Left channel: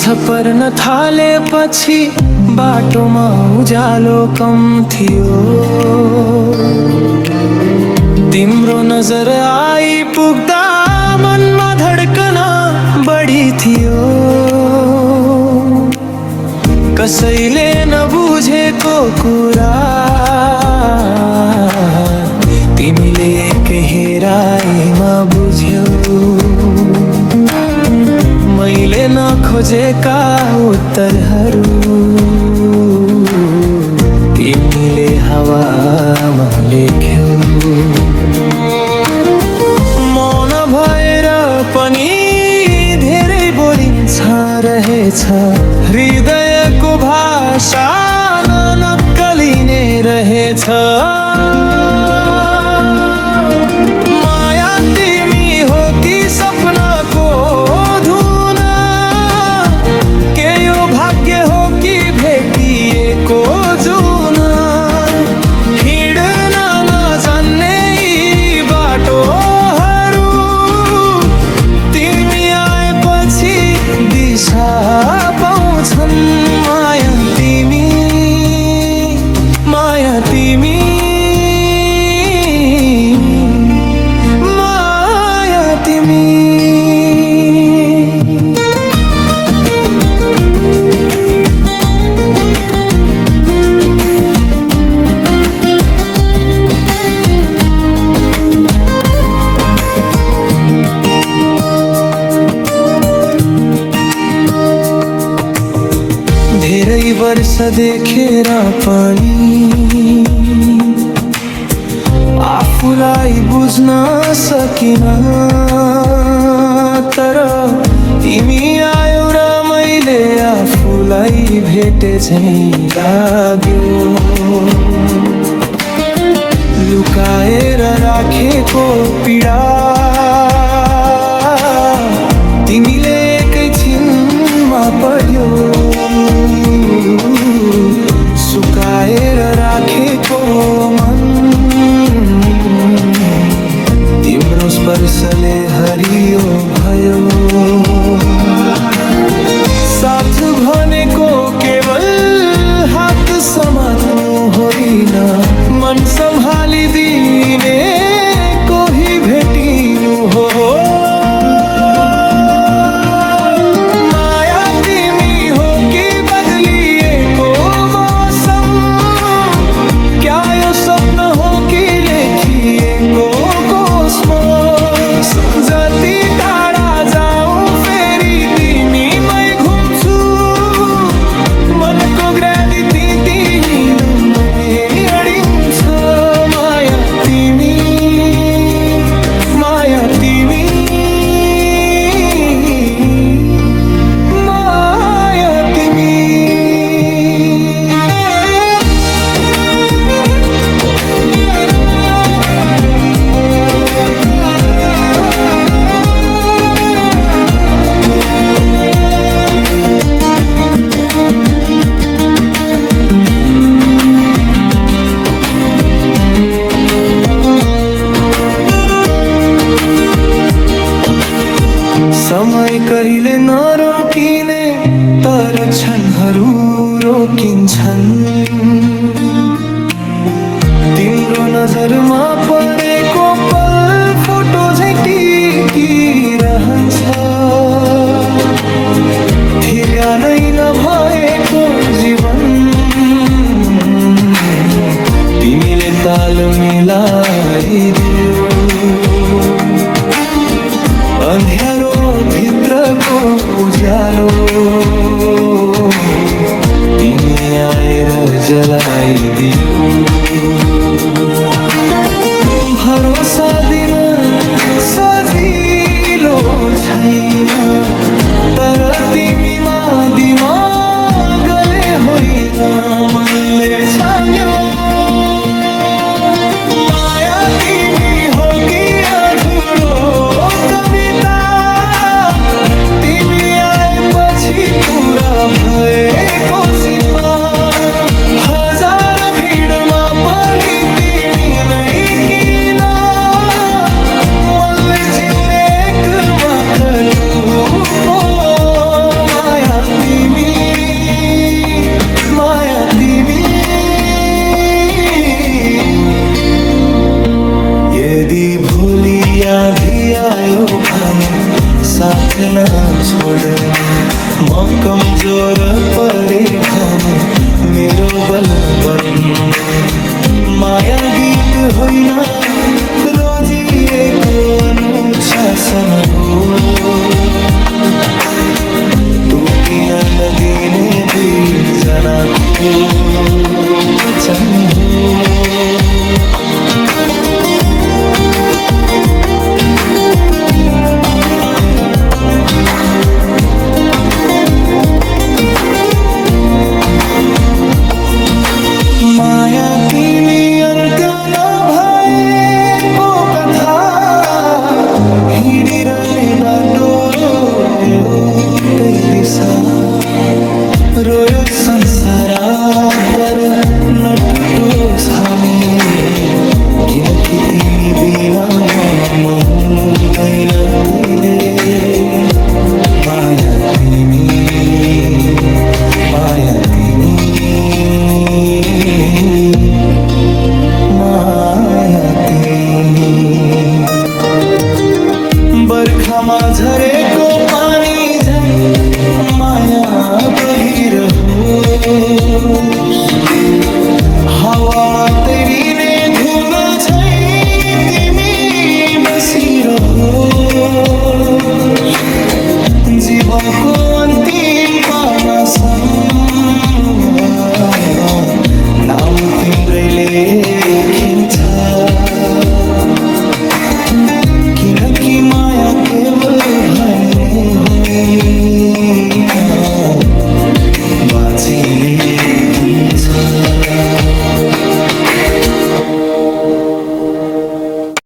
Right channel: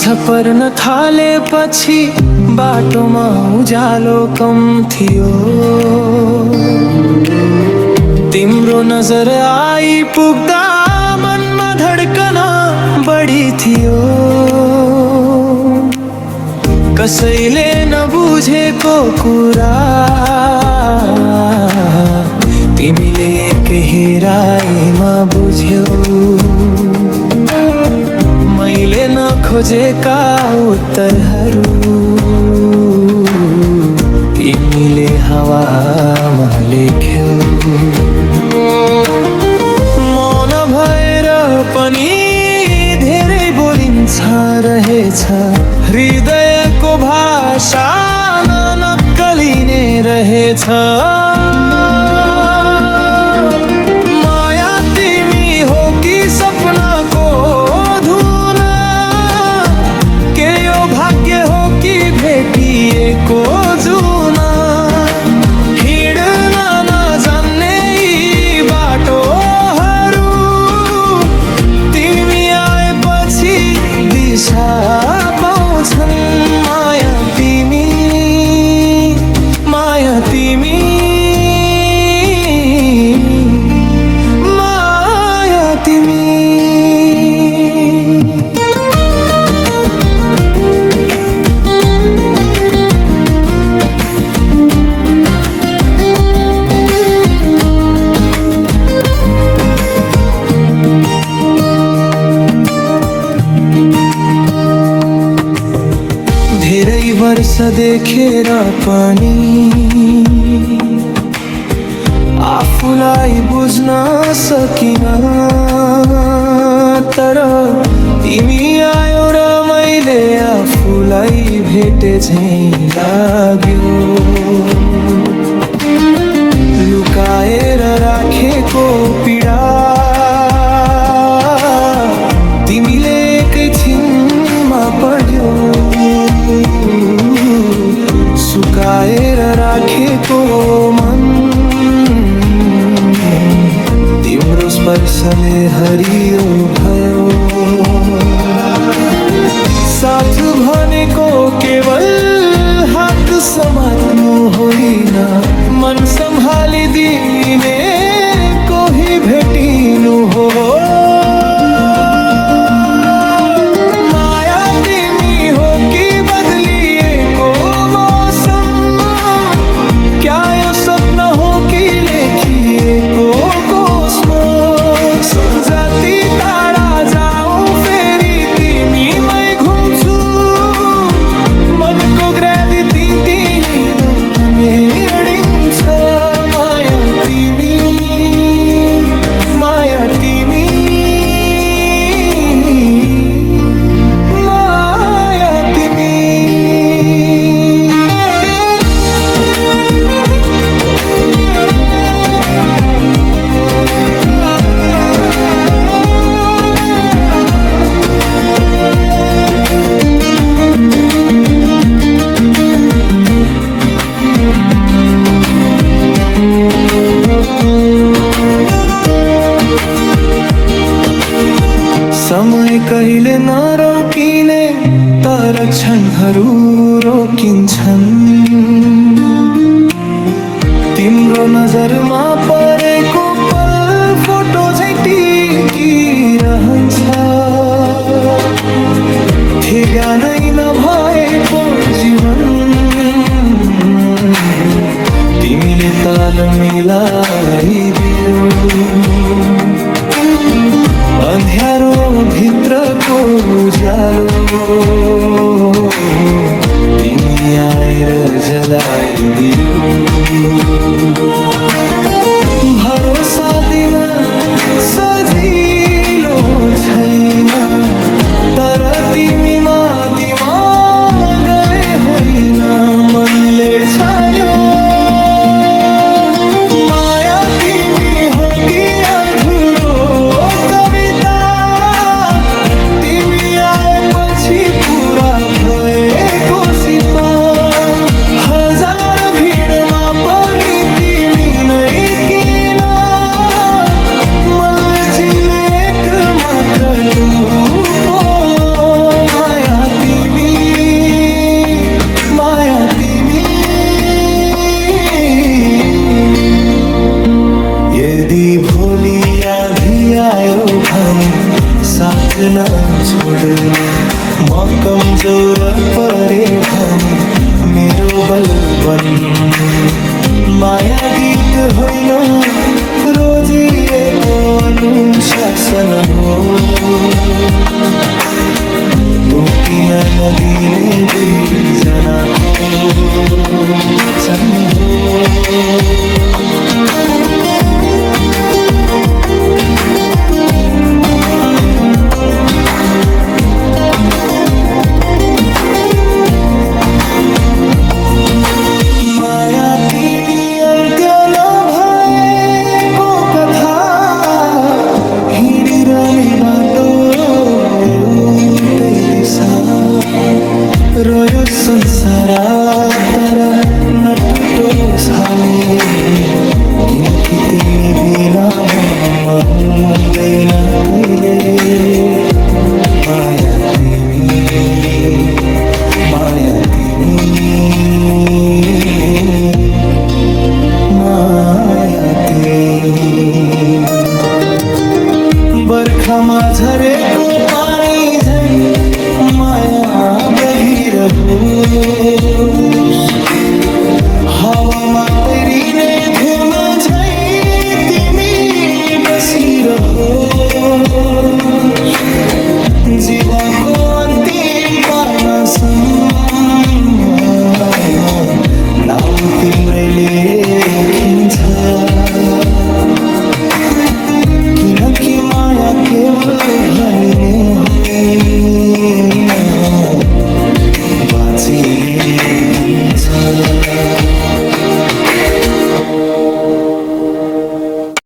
झपर्न थालेपछि बाटोमा उज्यालो कम थियो। तिम्रो नजर आइपुग्दा मनमा धड्कन बढी थियो। कसैले नबुझेको कुरा तिमीले एकै हेराइमा बुझ्यौ। मैले नखोजेका उत्तरहरू तिमीले हावामा लेख्यौ। मौन भएर पनि धेरै बोलिन्छ रहेछ। हृदयको भाषा नक्कलिने रहेछ। माया तिमी हो कि सपनाको धुन? के यो भाग्य हो कि भेटिएको जुन? हिँड्न नजान्ने यी बाटोहरू तिमी आएपछि दिशा पाउँछन्। माया तिमी, माया तिमी, माया तिमी। धेरै वर्ष देखेर पनि आफूलाई बुझ्न सकिन। तर तिमी आयो र मैले आफूलाई भेटे झैं लाग्यो। लुकाएर राखेको पीडा तिमीले एकैछिनमा पढ्यौ। सुकाएर राखेको मन तिम्रो स्पर्शले हरियो भयो। साथ भनेको केवल हात समात्नु होइन, मन सम्हालिदिने कोही भेटिनु हो। माया तिमी हो कि बदलिएको मौसम? क्या यो सपना हो कि लेखिएको कोस्मोस? जति टाढा जाऊ फेरि तिमीमै घुम्छु। मनको ग्राभिटी तिमीले अडिन्छ। माया तिमी, माया तिमी, माया तिमी। समय कहिले नरोकिने तर क्षणहरू रोकिन्छन्। तिम्रो नजरमा परेको पल फोटो झैं टिकिरहन्छ। ठेगानै नभएको जीवन तिमीले ताल मिलाइदियौ। अन्ध्यारो भित्रको उज्यालो तिमी आएर जलाइदियो। भरोसा दिन सजिलो छैन, तर तिमीमा दिमागले होइन मनले छान्यो। माया तिमी हो कि अधुरो कविता? तिमी आएपछि पुरा भएको सिपा। हजार भिडमा पनि तिमी नै किन? मनले चिन्ने एक मात्र तू पो। माया यदि भोलि आँधी आयो भने साथ न छोड्नु, म कमजोर परे भने मेरो बल बन्नु। माया गीत होइन रोजिएको अनुशासन हो, टुटिन नदिने दुईजनाको वचन हो। माया तिमी अन्त्य नभएको कथा, हिँडिरहने बाटो एउटै दिशा। रोयो संसार तर नटुटोस् हामी, किनकि तिमी बिना म हुँदैन कहिले। माया तिमी, माया तिमी, माया तिमी। बर्खामा झरेको पानी झैं माया बगिरहोस्, हावामा तैरिने धुन झैं तिमी बसिरहोस्। जीवनको अन्तिम पानासम्म नाम तिम्रै लेखिन्छ, किनकि माया केवल भनिने होइन, बाँचिने हुन्छ।